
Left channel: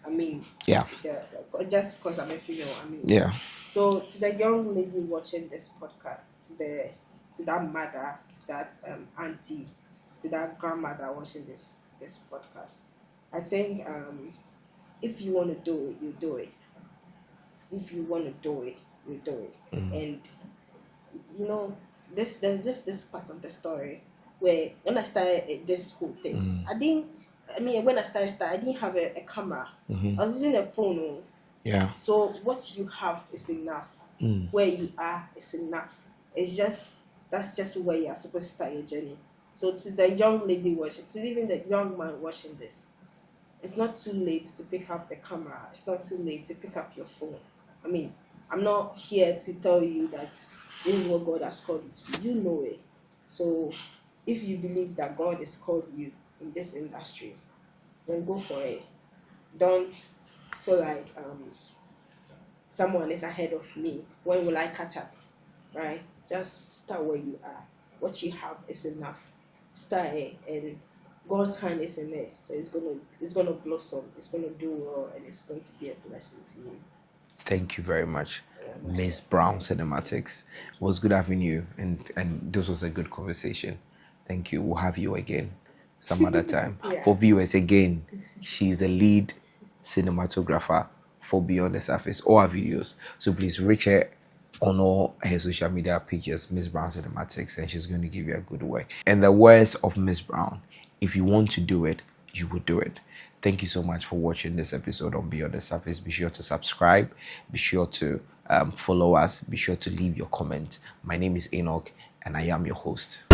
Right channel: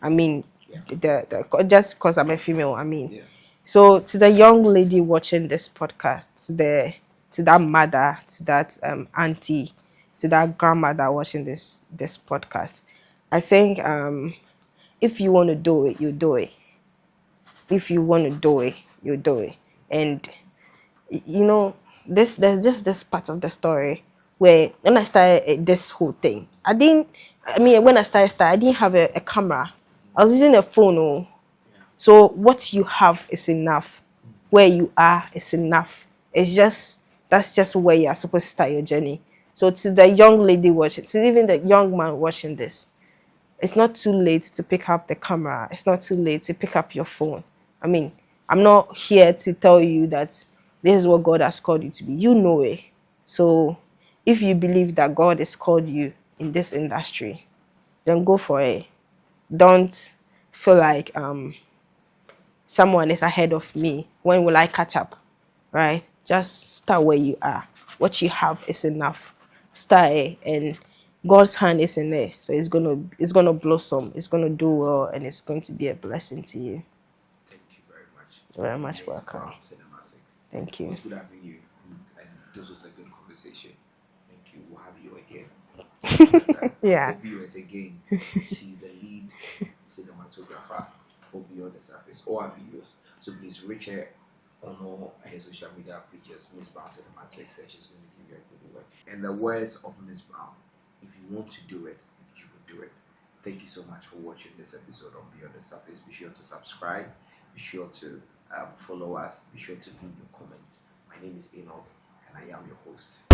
I mean, Yeah. the just because I'm a female. I mean, Yeah. So to the young lady watching this podcast, to that mother, to that auntie, to that grandmother watching this podcast, I think if you want to do it, you do it. If you want to do it, you do it. And you know, there's just this part of the story where when I started this whole thing, when I started, I didn't have a camera. I was using a phone. Oh. Yeah. So what you have is enough. Where you are is enough. That's just where you are supposed to start your journey. So to the young lady watching, to even the young man watching this, it's not too late to pick up the camera. It's not too late to pick up your phone. I mean, I'm not here to tell you that this is what God has called you to be. You know it. So if you believe that God has called you in this industry, then go for it. Don't feel like someone is ahead of me. When will I catch up? Right? Just start where you are. What you have is enough. Start it, and God's hand is in there. So it's gonna blossom. It's gonna do well, and it's going to be a blessing to you. Thank you very much, Very much Miss welcome. Brown Cinematics. Thank you. It was good having you, and this was a good conversation. Thank you. We'll have you again some other time. Yeah. For viewers, again, she's the lead cinematographer for Beyond the Surface, all our videos. So please reach her on all her social media pages, Miss Brown Cinematics, and she's going to give you a good work. And the words of Miss Brown, if you want to do it, you will do it. Thank you so much for watching this episode on Beyond the Surface. Be sure to subscribe. Be sure to follow us. Be sure to leave your comment. My name is Enoch, and I am your host.